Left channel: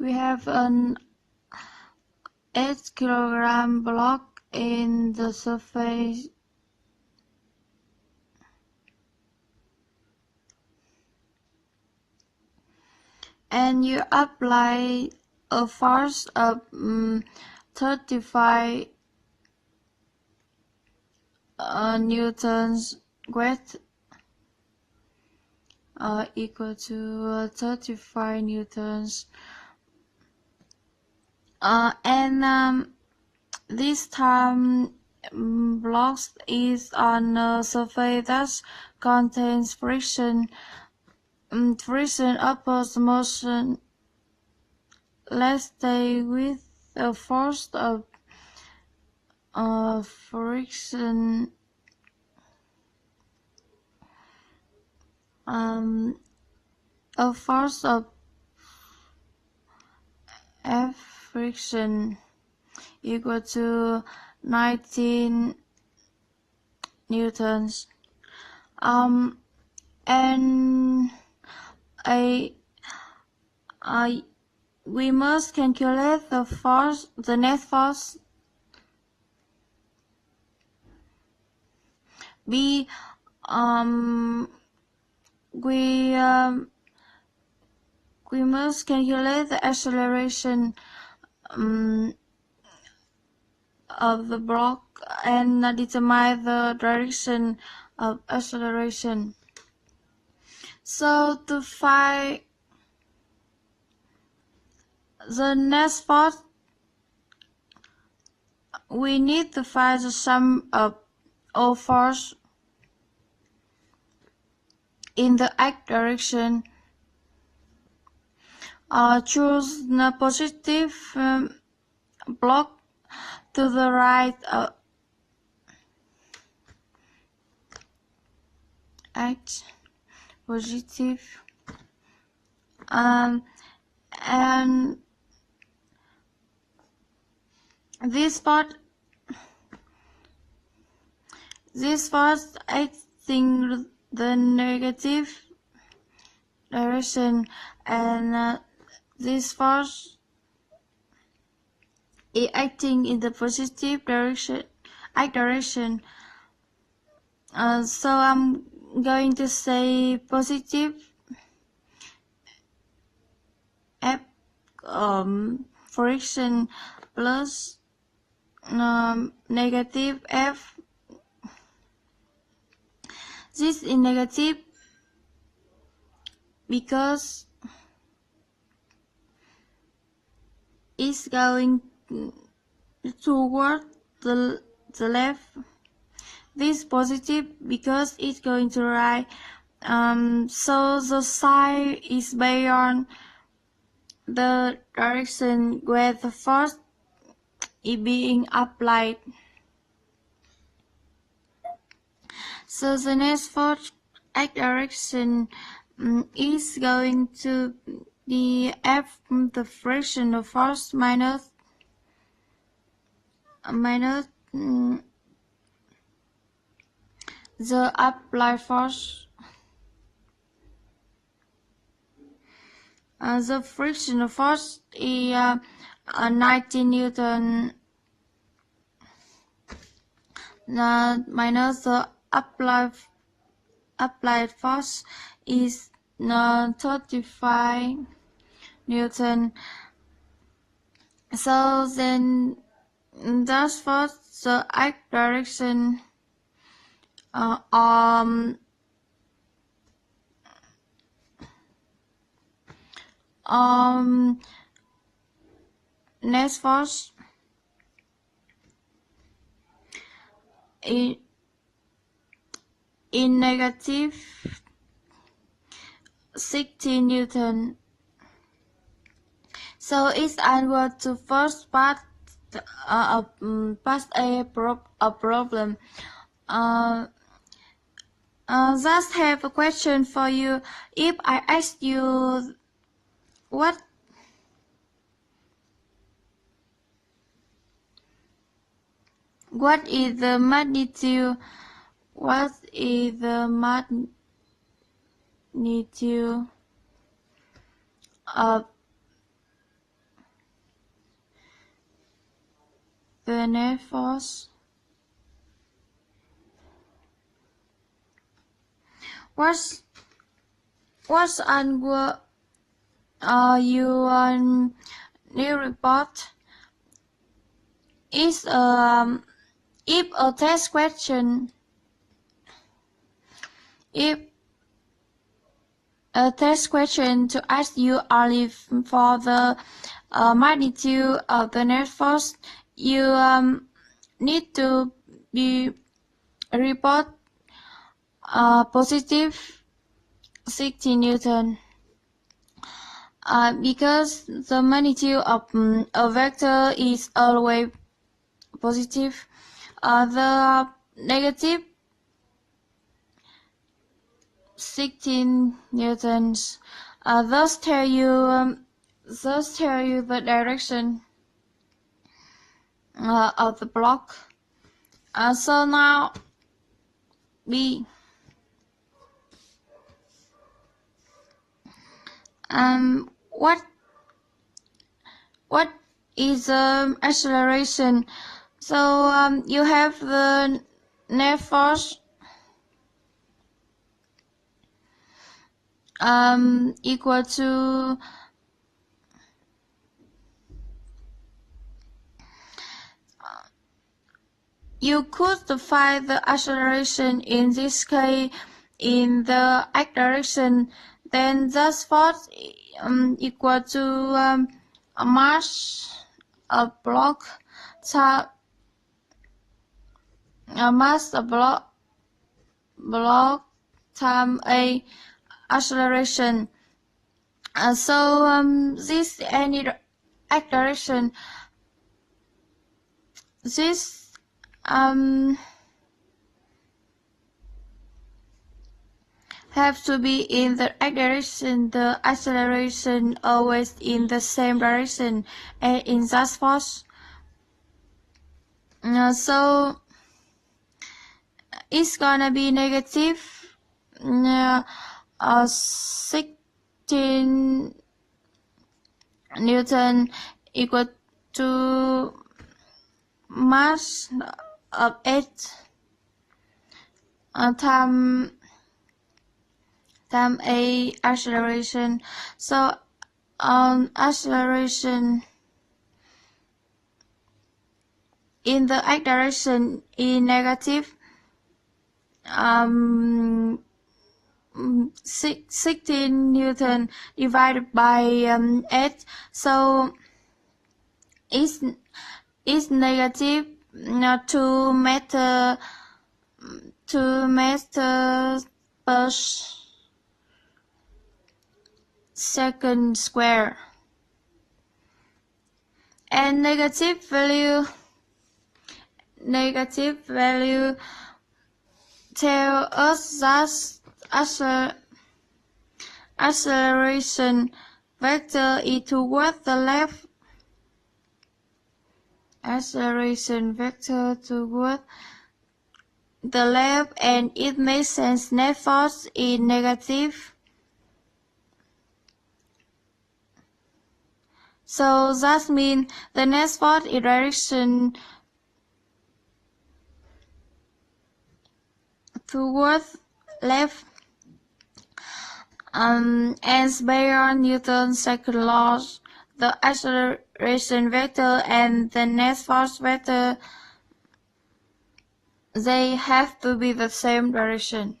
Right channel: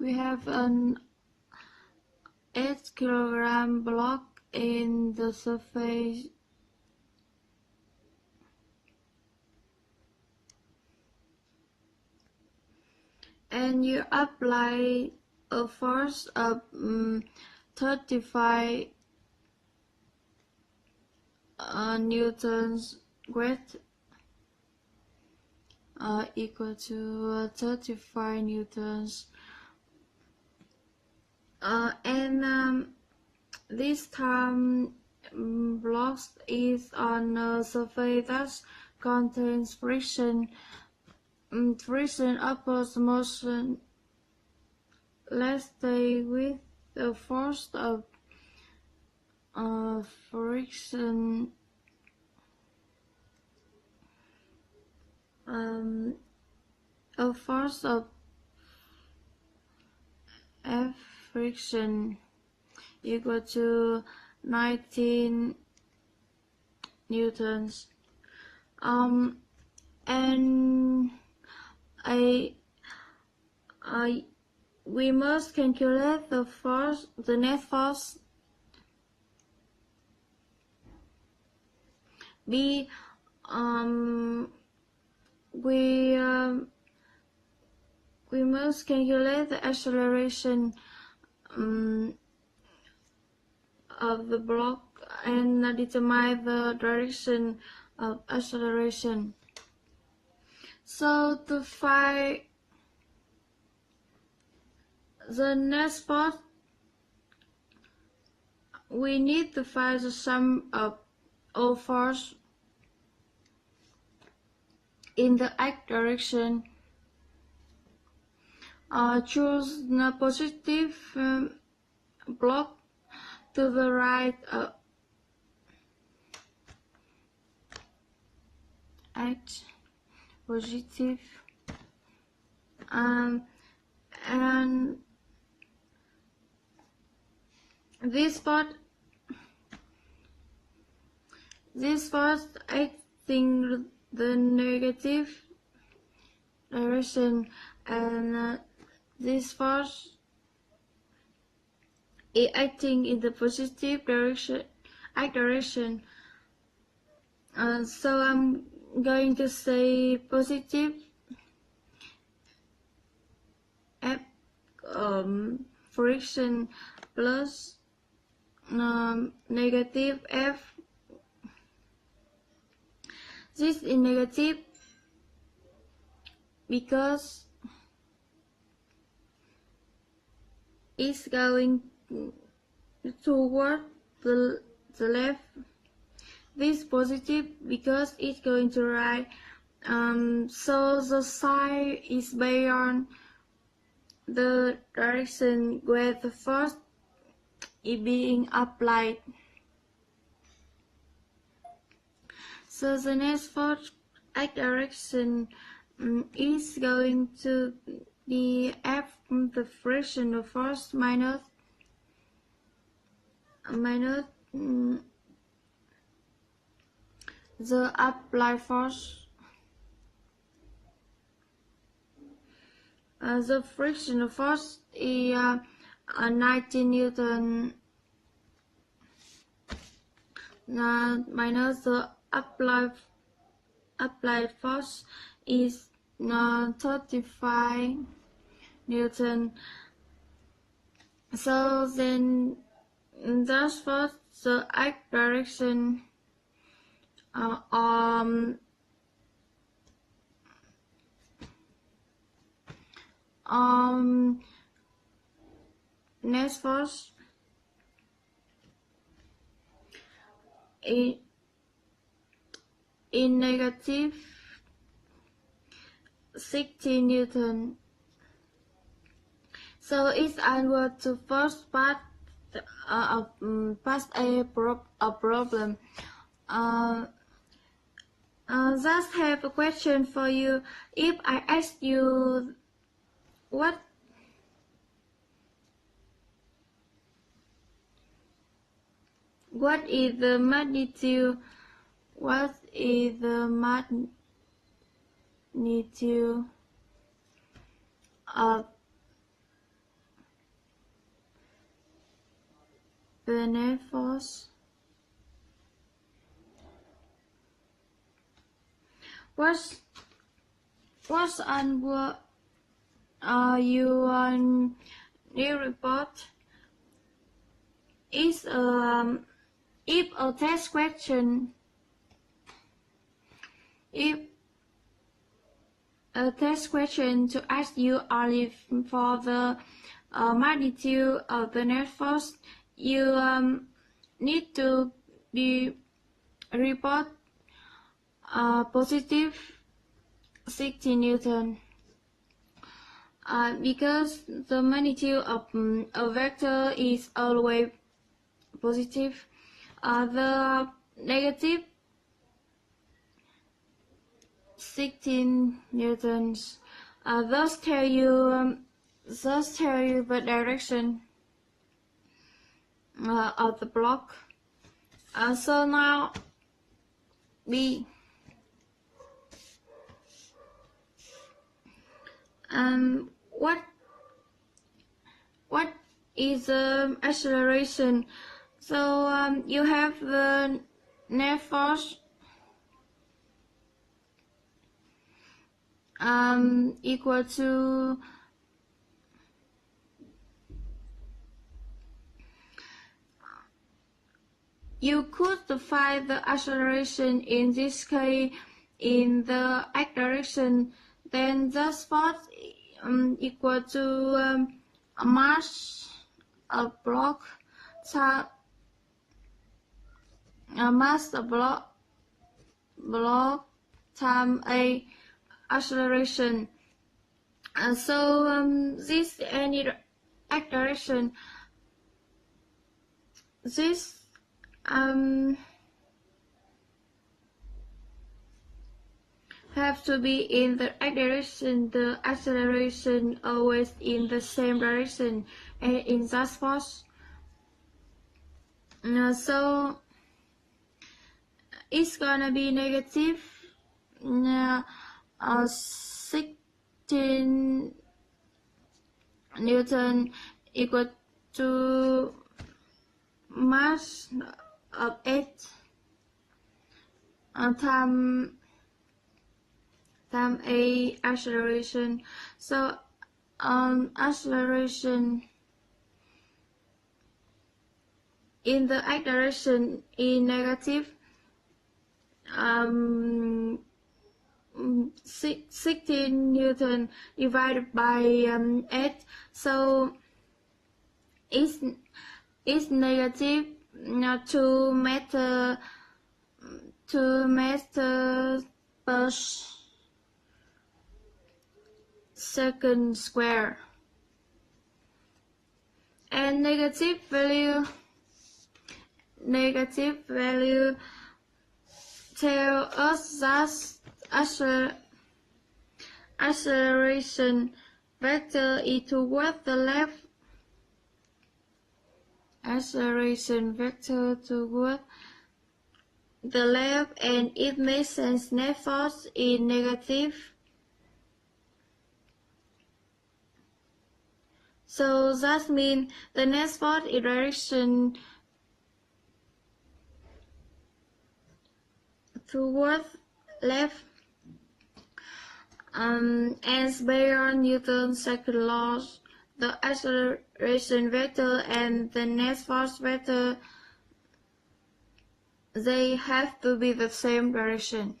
We have an 8 kilogram block in the surface and you apply a force of 35 newtons weight equal to 35 newtons and this time blocks is on a surface that contains friction. Friction opposes motion. Let's stay with a force of friction a force of F friction equal to 19 newtons. And we must calculate the force, the net force. We must calculate the acceleration of the block and determine the direction of acceleration. So to find the net force, we need to find the sum of all force in the x direction. Choose the positive block to the right x positive and this part acting the negative direction and this force is acting in the positive direction, x direction. So I'm going to say positive F friction plus negative F. This is negative because it's going toward the left. This is positive because it's going to right. So the sign is based on the direction where the force is being applied. So the next force x direction is going to be F the frictional force minus the applied force. The frictional force is 19 Newton minus the applied force is 35 Newton. So then that's for the x direction next force in negative 60 Newton. So it's answer to first part of part A problem. Just have a question for you. If I ask you what is the magnitude? What is the magnitude of the net force. What's on your new report? Is if a test question. If a test question to ask you only for the magnitude of the net force, you need to be report positive 60 Newton. Because the magnitude of a vector is always positive, the negative 16 newtons thus tell you the direction of the block. So now B. What is acceleration? So you have the net force equal to you could find the acceleration in this case in the x direction, then this force equal to a mass of block block time a acceleration. So this any x direction, this have to be in the x direction, the acceleration always in the same direction and in that force. So it's gonna be negative 16 Newton equal to mass of 8 time a acceleration. So acceleration in the x direction is negative 16 Newton divided by 8. So it's negative 2 meter per second square, and negative value tell us that acceleration vector is toward the left. Acceleration vector toward the left, and it makes sense net force is negative. So that means the net force in direction towards left. As based on Newton's second law, the acceleration vector and the net force vector, they have to be the same direction.